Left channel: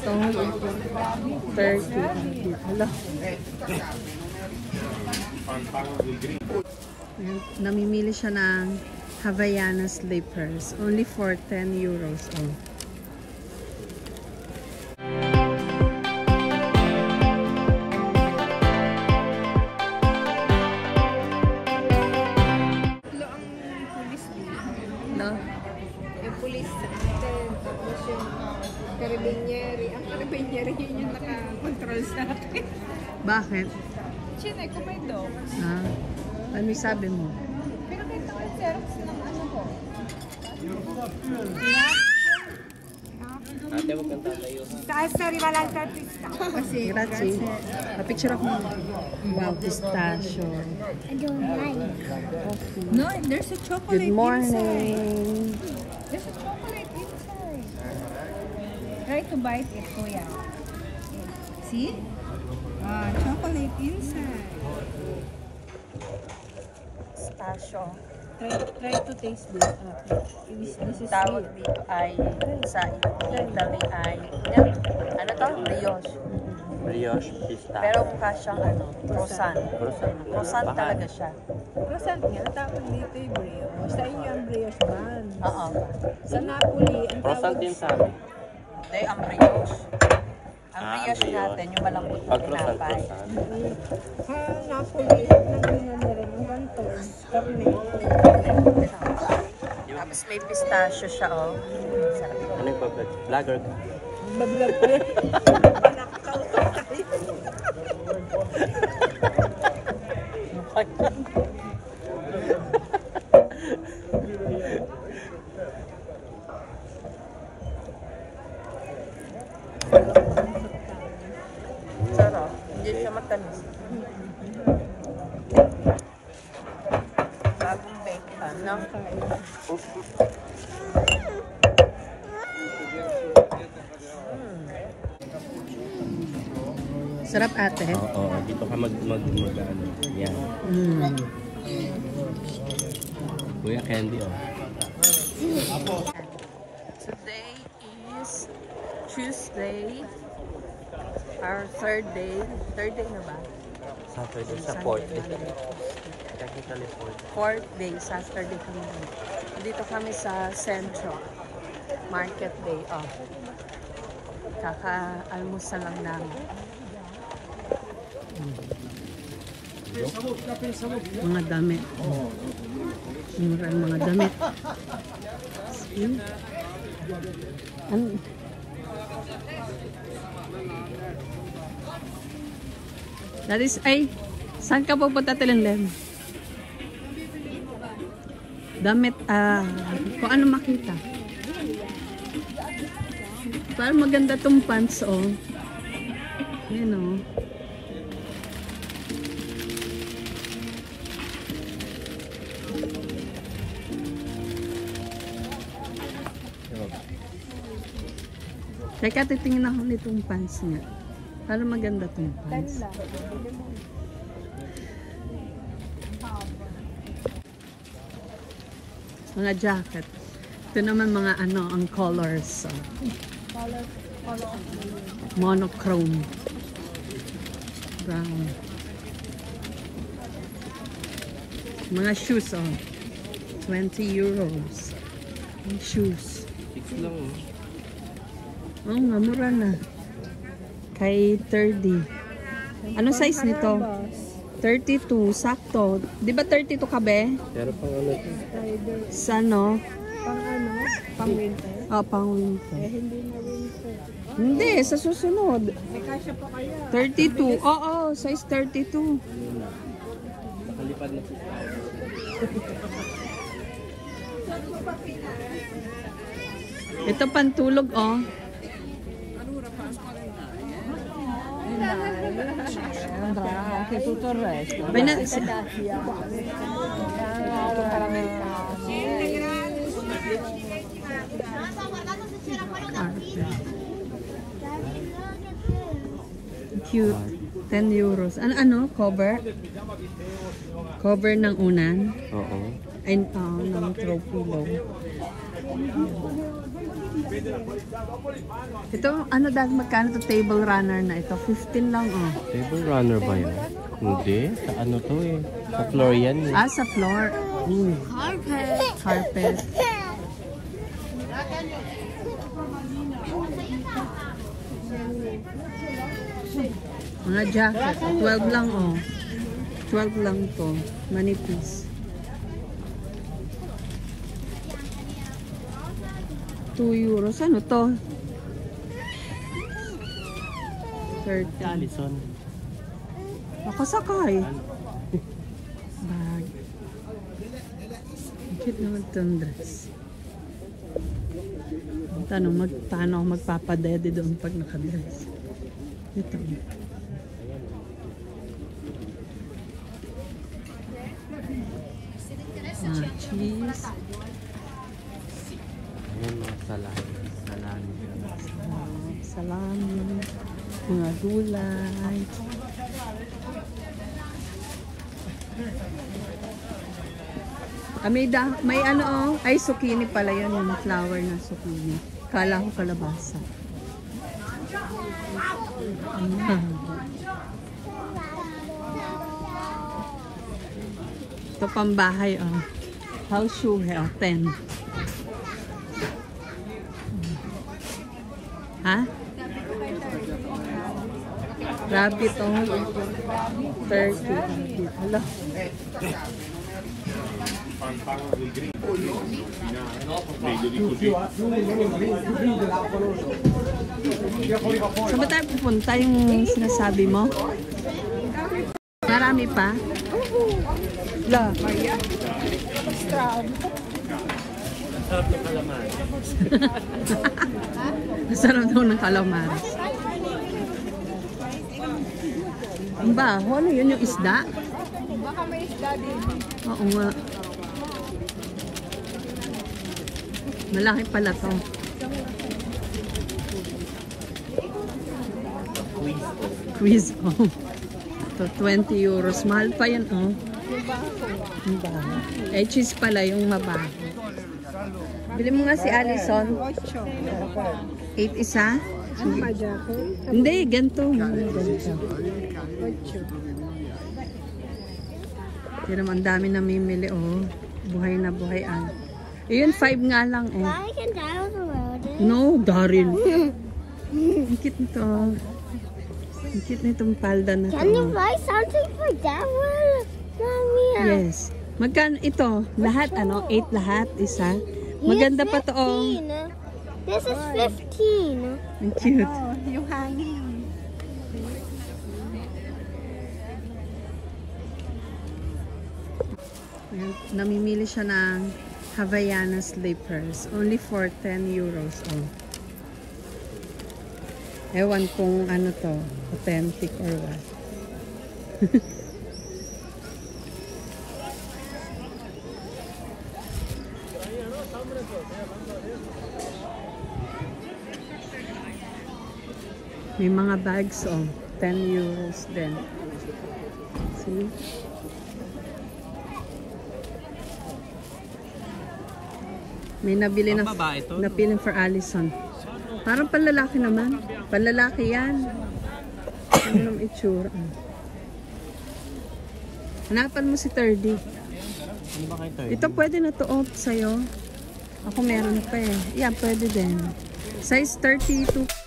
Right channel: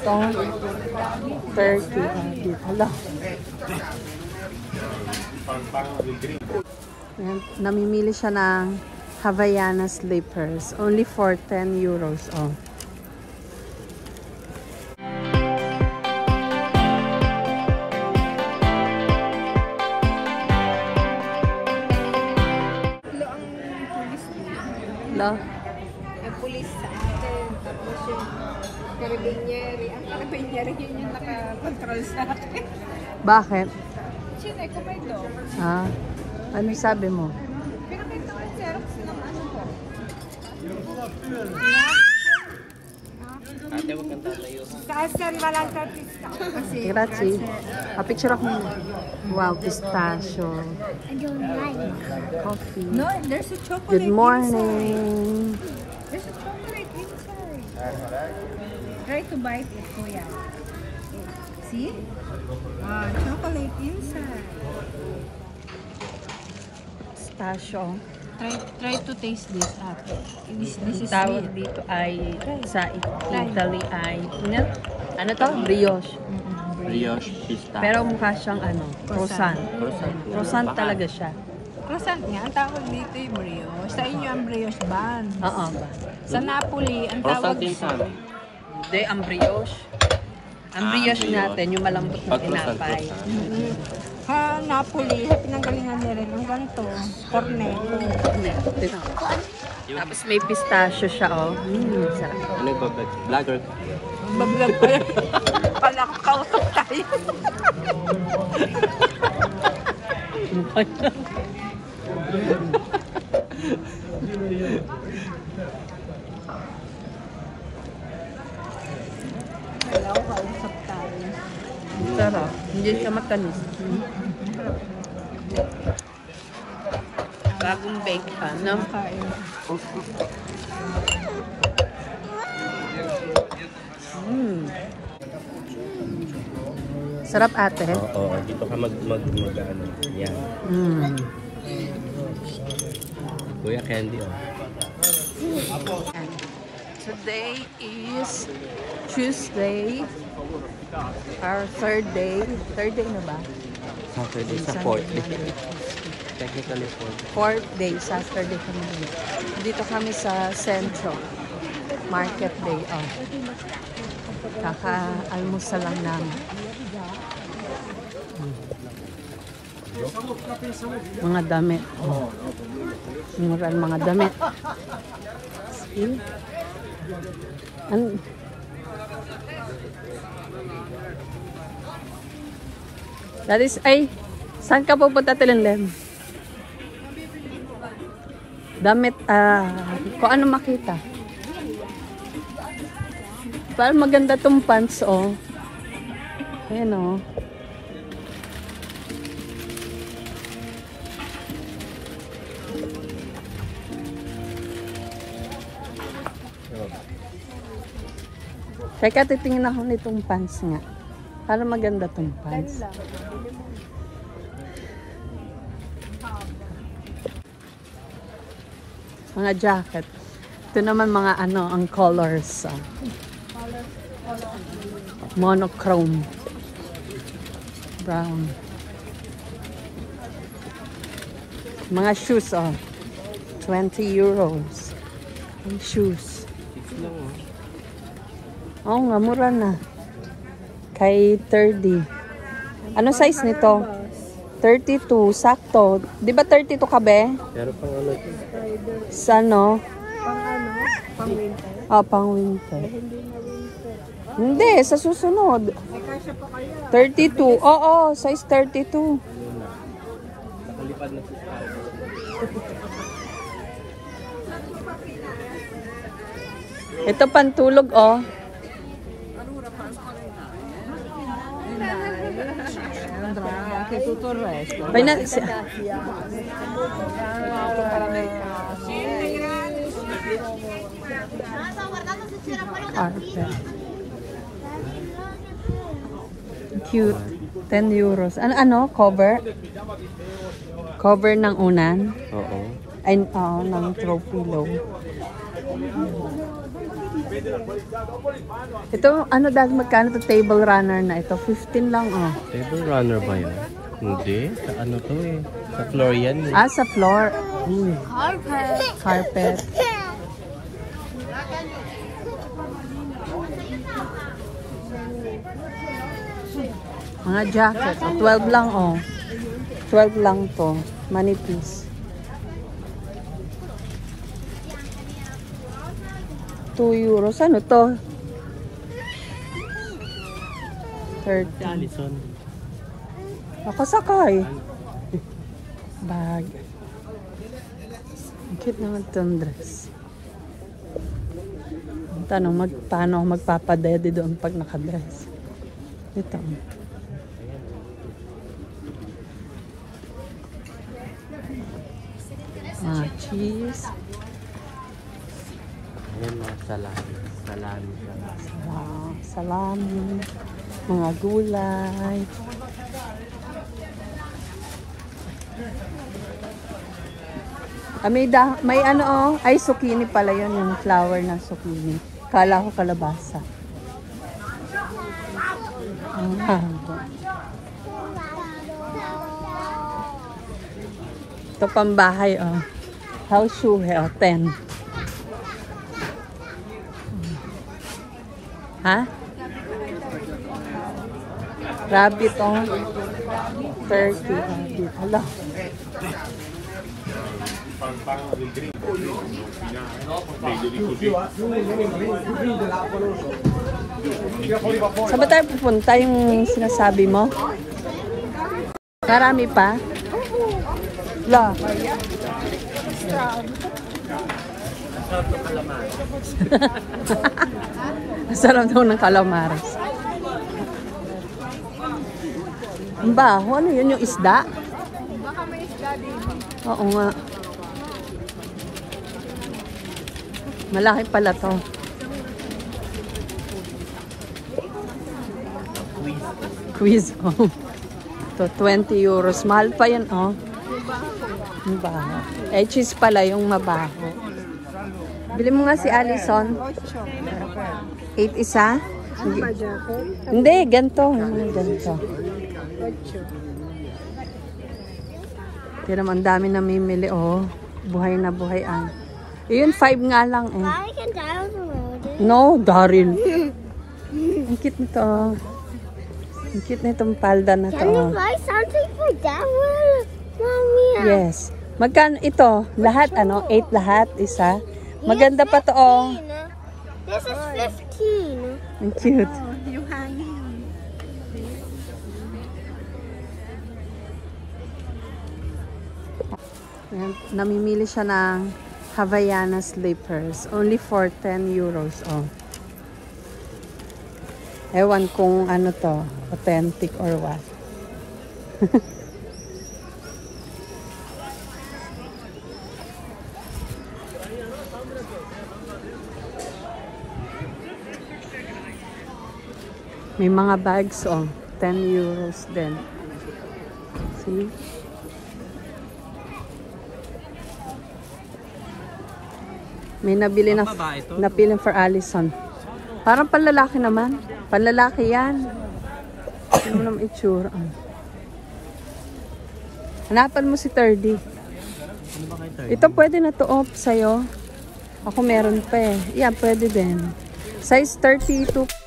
Ito, 30. Hala. Ayan, namimili siya ng Havaiana slippers. Only for 10 euros. Oh. Hello? Ang pulis sa atin, tapos yung karabinyer. Ang karabinyer yun yung naka-control sa atin. Bakit? Siyempre, kapay daw. Ah, ano sabi mo? Pero dito ang xerox ng ano ko. Sasari, walang artista. Kasi, Grazie. Papicture ako. Wow, pistachio. Coffee. no, there's a chocolate Good morning. inside. There's a chocolate inside. Try to bite it, kuya. See? Chocolate inside. Pistachio. Try to taste this. This is Tawag dito ay sa Italy ay ano to? Brioche. Brioche pista. Pero mukha siyang ano, croissant. Croissant talaga siya. Croissant nga, tawag dito yung brioche. Sa inyo ang brioche ban. Oo ba? Sa Napoli, ang Croissant tawag din sabi. Hindi, ang brioche. Ang brioche natin, yung malambot na tinapay. Sa Napoli, nagalingan nila yung ganito. Cornet. Tapos may pistachio siya, oh. Sarap. Ano ba? Vlogger? Mag-vlog pa yan. Pala ko kausap tayo. Sarap. Hindi siya matamis. Bagong bake pa, no? Sarap ate. Oo, dito ka mag-ano. Yan. Kuya Candy, oh. Today is Tuesday. Our third day. Third day na ba? Saturday sa Sunday, 4th day. Monday. Technically 4th. Fourth day, Saturday kami. Dito kami sa Central Market Day. Oh. Kaka-almusal lang namin. Mga damit. Oh. Murang mga damit. See? That is, ay, saan ka pupunta Tilinlem? Damit, kung ano makita. Parang maganda tong pants, oh. Ayan, oh. Teka, titingin ako nitong pants nga. Parang maganda tong pants. Mga jacket. Ito naman mga ano, ang colors. Monochrome. Brown. Mga shoes, oh. 20 euros. Ang shoes. 6 lang, oh. Oo nga, mura na. Kay 30. Ano size nito? 32, sakto. Di ba 32 ka be? Pero pang ano ito? Sa ano? Pang ano? Pang winter? Ah, pang winter. Hindi na winter. Hindi, sa susunod. Ay, kasya pa kaya. 32. Oo, size 32. Nakalipad na si Ito pantulog, oh. Bay na, carpet. Cute. 10 euros. Ano? Cover? Cover ng unan? Oo. Ay, ng throw pillow. Ito, ano dahil magkano to table runner na ito? 15 lang, oh. Table runner ba yun? Hindi. Sa ano to eh? Sa floor yan eh. Ah, sa floor. Carpet. Carpet. Mga jacket. Oh, 12 lang, oh. 12 lang to. Manipis. 2 euros. Ano to? 30. Alison. Ako sakay. Bag. Ang cute naman itong dress. Ang tanong, paano ako magpapadede doon pag nakadress? Ito. Mga cheese. Ayan mga salami. Salami. Salami. Mga gulay. May ano oh, ay zucchini pala yun, yung flower na zucchini. Kala ko kalabasa. Ito pambahay oh. House shoe oh, 10. Ha? Rabbit oh. 30 rabbit. Hala. Saan ba tayo pupunta yung sinasabi mo? Marami pa? La. Masarap daw ng calamares. Ang baho, ano yun yung isda? Baka may isda dito. Oo nga. Malaki pala to. Quiz. Oh. To 20 euros. Mahal pa yun, oh. Mabaho. Eh, cheese pala yung mabaho. Bili mo nga si Alison. 8. 8 isa? Ano ba jacket? Hindi, ganito. Ganito. 8. Pero ang dami namimili, oh. Buhay na buhay ang. Yun, 5 nga lang, eh. I can down the road. No, Daryl. Ang cute nito. Ang cute na itong palda na to. Can you buy something for that one? Mommy. Yes. Magkano ito? Lahat, ano? 8 lahat, isa. Maganda pa to, oh. This is 15. Ang cute. Oh, yung hanging. Ayan, namimili siya ng Havaiana slippers. Only for 10 euros, oh. Ewan kung ano to, authentic or what. May mga bags, oh. 10 euros din. See? May nabili na napili for Alison. Parang panlalaki naman. Panlalaki yan. Ano naman itsura? Hanapan mo si 30. Ano ba kayo 30? Ito pwede na to off sa'yo. Ako meron pa eh. Yeah, pwede din. Size 32.